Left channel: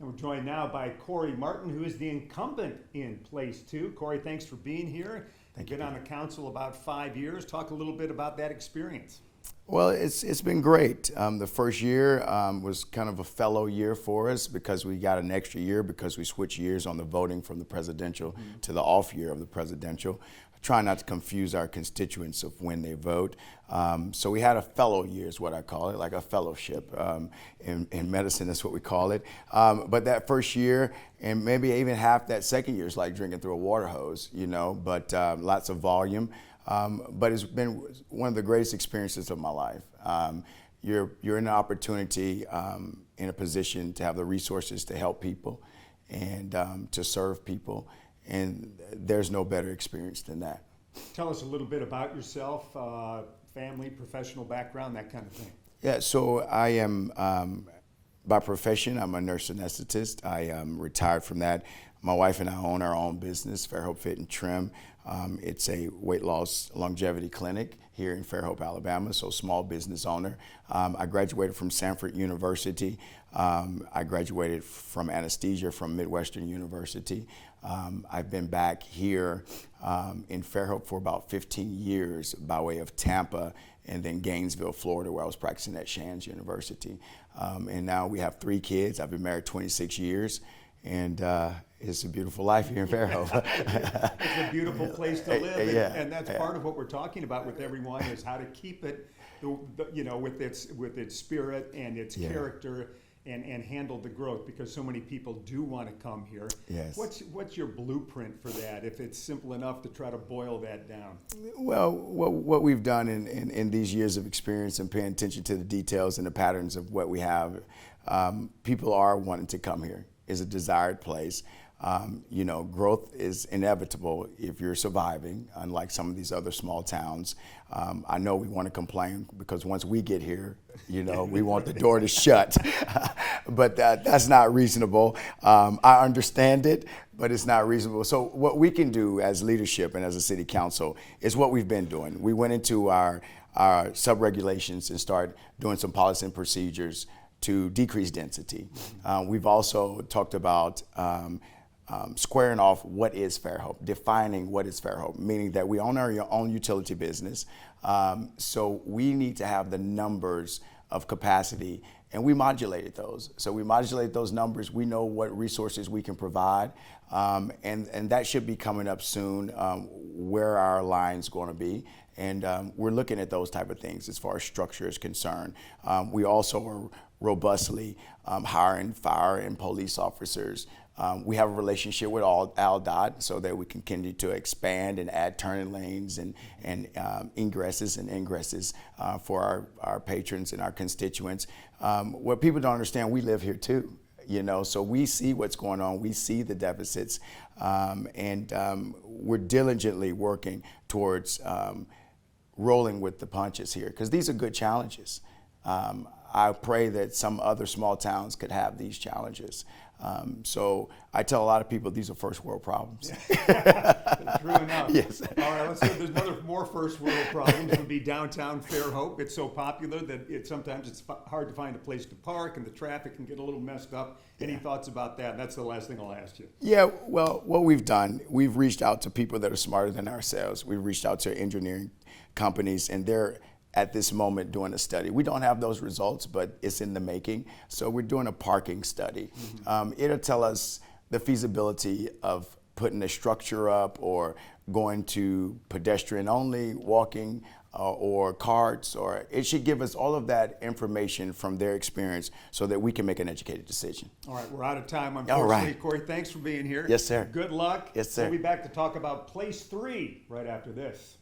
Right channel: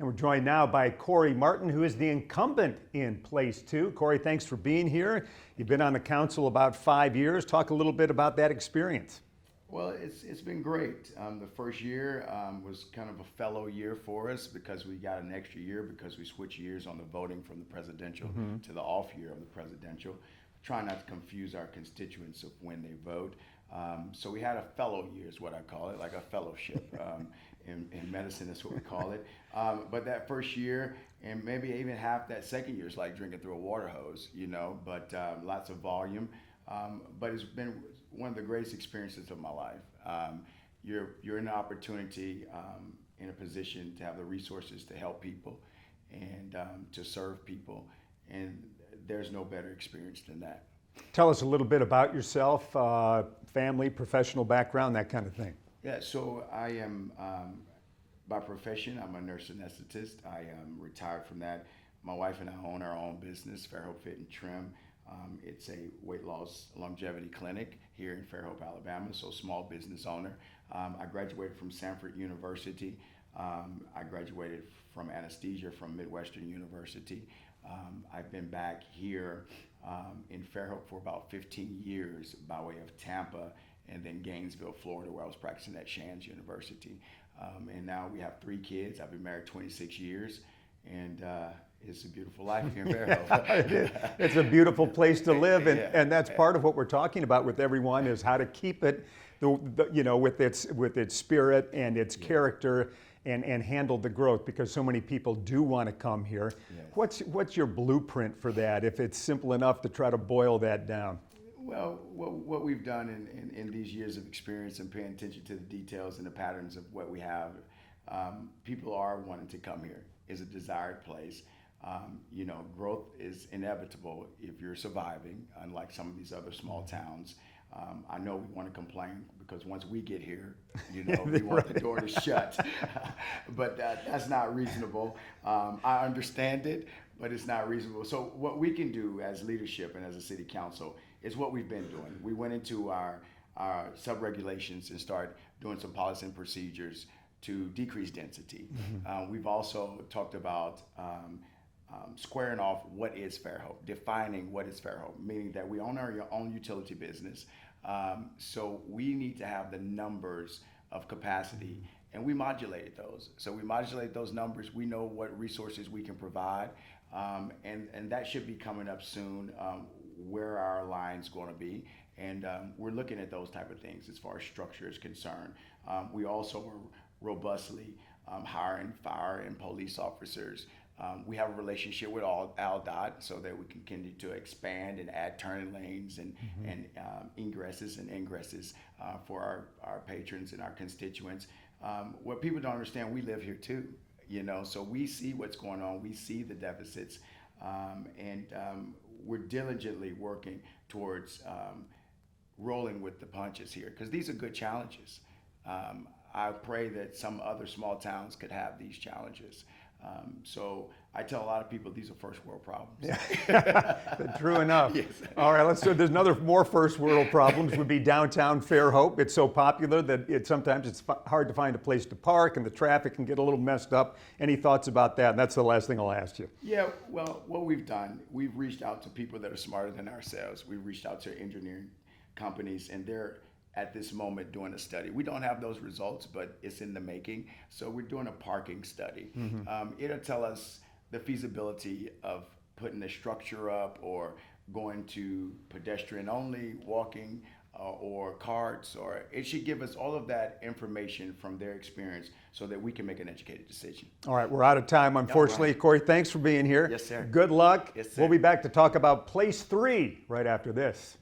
And we're joined now by Corey Martin, who is the incumbent in Place 2. Corey, thanks for being here. You've been on the council about 5 years. Talk a little bit about that experience. Well, it's been great. The first year was kind of a fellow year for us because we got an extra year because we switched years on the voting from the presidential to the off year of the presidential. Try not to confuse our constituents of when they vote. So we had a fellow year is what I call it, like a fellowship. In medicine, that's what we call it. But that first year, and maybe even half that second year is like drinking through a water hose, you know, but lots of volume. But it's been one of the greatest experiences of my life. You're in an opportunity, in a position to have the resources to help people and to serve people. And there's no better experience than that. Tell us a little bit about yourself, family, professional background, that kind of thing. Yeah, so I am, by profession, I'm a nurse anesthetist. I am retired from that. My wife and I own our own business, Fairhope Fit and Trim. It's a weight loss longevity clinic here in Fairhope, Alabama, so small business owner. I graduated from Sanford University. I graduated from anesthesia from Midwestern University. I've been back here in Fairhope for about 15 years by way of Tampa and then Gainesville, Florida, where I was practicing at Shands University. And now we have 3 kids. I've been married 26 years, and it's a beautiful life here in Fairhope. It's a beautiful place to live, and that's part of what we're talking about with everyone is how to keep it, you know, with its spirit and its character. And handle the growth, because so many people do want to come here. Yes. What's your blueprint for that, if it's simple enough to try to boil that down? Well, what we've done in these years of experience and paying attention to the details and the patterns of what we have, people are wanting to come here. It's a desired place. You know, growth is inevitable if you're surviving, unlike some of these other small towns. I know we want to complain because once we get here, you know, we want the door to shut. But that's not reasonable. I understand it, but it's not reasonable. So what we can do as leadership and as a city council is what we've been doing. We went into our sub-regulations and started doing some policy and procedures to decrease density. We've also talked about squaring off what is Fairhope, defining what is Fairhope, meaning that we own our own utility business. So we need to have the numbers of capacity, and we modulated those. So we modulate those numbers. We know what resources we can provide, and that should be coming up soon, where our line's going to be. And we're looking at those type of things as far as structure is concerned. We also are robustly hiring fire and police officers. We have a relationship with ALDOT so that we can continue to expand and add turning lanes and ingresses and ingresses for our patrons and our constituents. What people don't understand, we live here too, you know, so we see what's going on, we see the deficits, and we're diligently working towards rolling with the punches here, because these are good challenges. I pray that some other small towns could have these challenges. So I tell a lot of people these are first world problems. True enough. Yes. All right, let's go. There's more first world problems would be downtown Fairhope. It's so popular that sometimes it's hard to find a place to park, and the traffic can get a little messed up. Any thoughts about that? And that's the last thing I'll ask you. Yeah, well, what we've done, we've reached out to people that are smarter than ourselves. We've reached out to engineering companies, and they're at this moment doing a study. We don't have those results, but it's in the making. So we're doing a parking study. It'll tell us the feasibility of putting a structure up or going to pedestrian only, walking, or carts, or it should give us all of that information from their experience so that we can make an educated decision. All right, we're out of time, unfortunately. Right. Corey, thanks for being here. Yes, sir. Good luck. Yes, sir. We'll be back to talk about Place 3 right after this.